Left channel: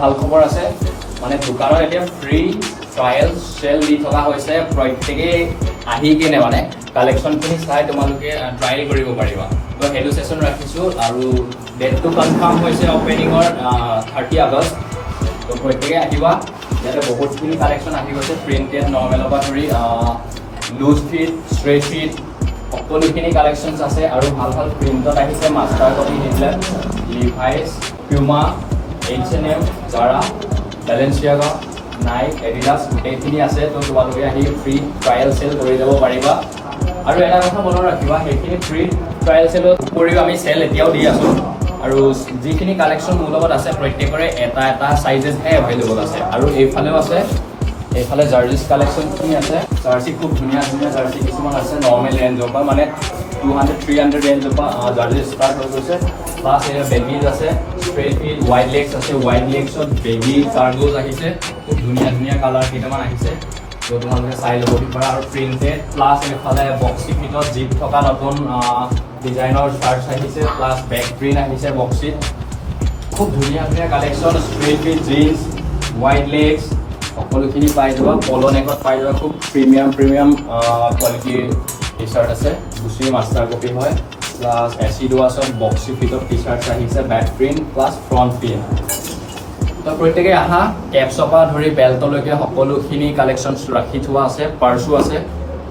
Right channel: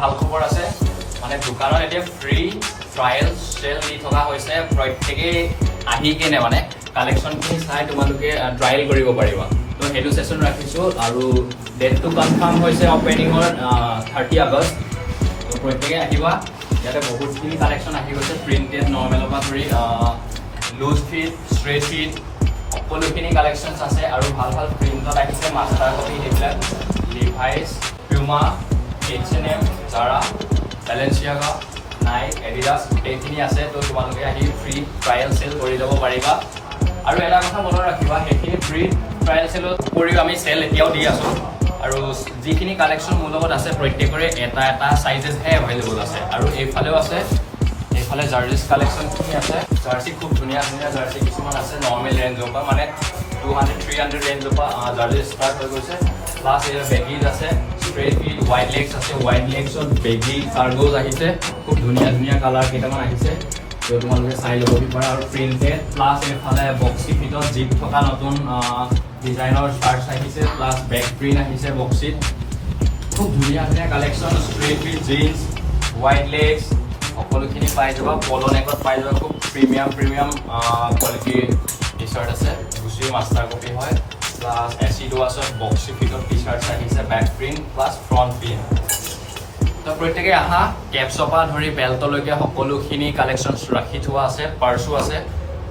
ভাল খবৰ আছে মানে দোকানত এতিয়া ফ্ৰী ট্ৰায়েল চেল দি থকা হৈছে প্ৰত্যেকে আহি কিনে মানে কালেকশ্যনখিনি চাই তোমালোকে ট্ৰায়েল কৰিব পাৰিবা তো সেইটো সেশন ৰাখিছো আৰু ডেটটো কনফাৰ্ম হৈছে অপেনিঙৰ 30 আগষ্ট তো প্ৰত্যেকে আহিবা ইয়াতে বহুতখিনি কালেকশ্যন আহি গৈছে প্ৰিণ্টেড নৰ্মেলৰ পৰা ধৰি লুজ ফিট ষ্ট্ৰেট ফিট সকলোখিনি কালেকশ্যনছ আছে আৰু ভাল ভাল প্ৰিণ্টত আহিছে মাষ্টাৰ কপি সেইবিলাক Levi's Puma H&M, Zara, Balenciaga, Nike, Adidas, গোটেইখিনি আছে তো তোমালোকে আহি ফ্ৰী ট্ৰায়েল চেল কৰি যাব পাৰিবা আৰু এটা কথা মনত ৰাখিবা সেইখিনি ফ্ৰী ট্ৰায়েল চেলৰ উপৰিও আমি চেল এতিয়াও দি আছো আৰু যিখিনি কালেকশ্যন মোৰ লগত আছে প্ৰত্যেকৰে এটা এটা সাইজেছহে এভেইলেবল আছে আৰু এইফালেও আছে এইফালে জাৰ্চিজ কালেকশ্যনখিনি আছে জাৰ্চি খুব ধুনীয়া ধুনীয়া জাৰ্চি কিছুমান আছে নৰ্মেল ৰেঞ্জৰ পৰা মানে 200-300 ৰেঞ্জৰ পৰা জাৰ্চি ষ্টাৰ্ট হৈ গৈছে প্লাছ বেগিজ আছে স্ট্ৰেট ফিট ৱাইড লেগছ আছে ৱাইড লেগছত বেগি কাৰ্গোজ আহিছে খুব ধুনীয়া ধুনীয়া কালাৰ কেইটামান আহিছে তো তোমালোকে চাই ল'ব পাৰা আৰু প্ৰিণ্টেড প্লাছ এইফালে বক্সি ফিটত জিপ থকা নতুন ডিজাইনৰ চাৰ্টছ আহিছে প্লাছ বেক প্ৰিণ্ট আহিছে বক্সিত খুব ধুনীয়া ধুনীয়া collection straight fit jeans wide legs সকলোখিনি পাই যাবা পলো নেকত পাই যাবা খুব প্ৰিমিয়াম কোৱালিটিৰ টি চাৰ্ট আছে গুচিৰ মাষ্টাৰ কপি হয় প্লাছ এচিড ৱাছত বক্সি ফিটত টি চাৰ্টছ আহিছে back print plus front print তো প্ৰত্যেকে আহা কেপছৰ পৰা ধৰি বেল্টলৈকে সকলোখিনি কালেকশ্যনছ ৰাখি থোৱা আছে পাৰ্চো আছে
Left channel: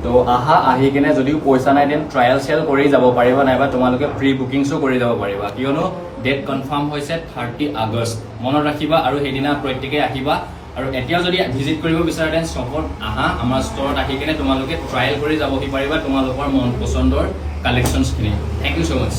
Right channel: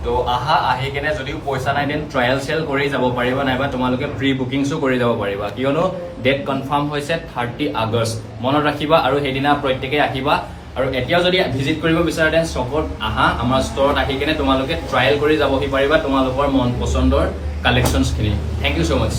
তো আহা আহি কিনে যদিও পইচা নাই দেন ট্ৰায়েল চেল কৰি যাব পাৰিবা নাইবা তোমালোকে প্ৰি বুকিংছো কৰি যাব পাৰিবা কিয়নো ডেট কনফাৰ্ম হৈছে 30 আগষ্ট মনত ৰাখিবা আৰু সেইদিনা প্ৰত্যেকে আহিবা আৰু এতিয়াও যদি ভিজিট কৰিব বিচাৰা দেন ষ্টকত আহা আমাৰ ষ্টৰত আহি কিনে তোমালোকে ট্ৰায়েল কৰি যাবহি পাৰিবা তোমালোকৰ মন পছন্দৰ কালেকশ্যনছখিনি থেংক ইউ সো মাচ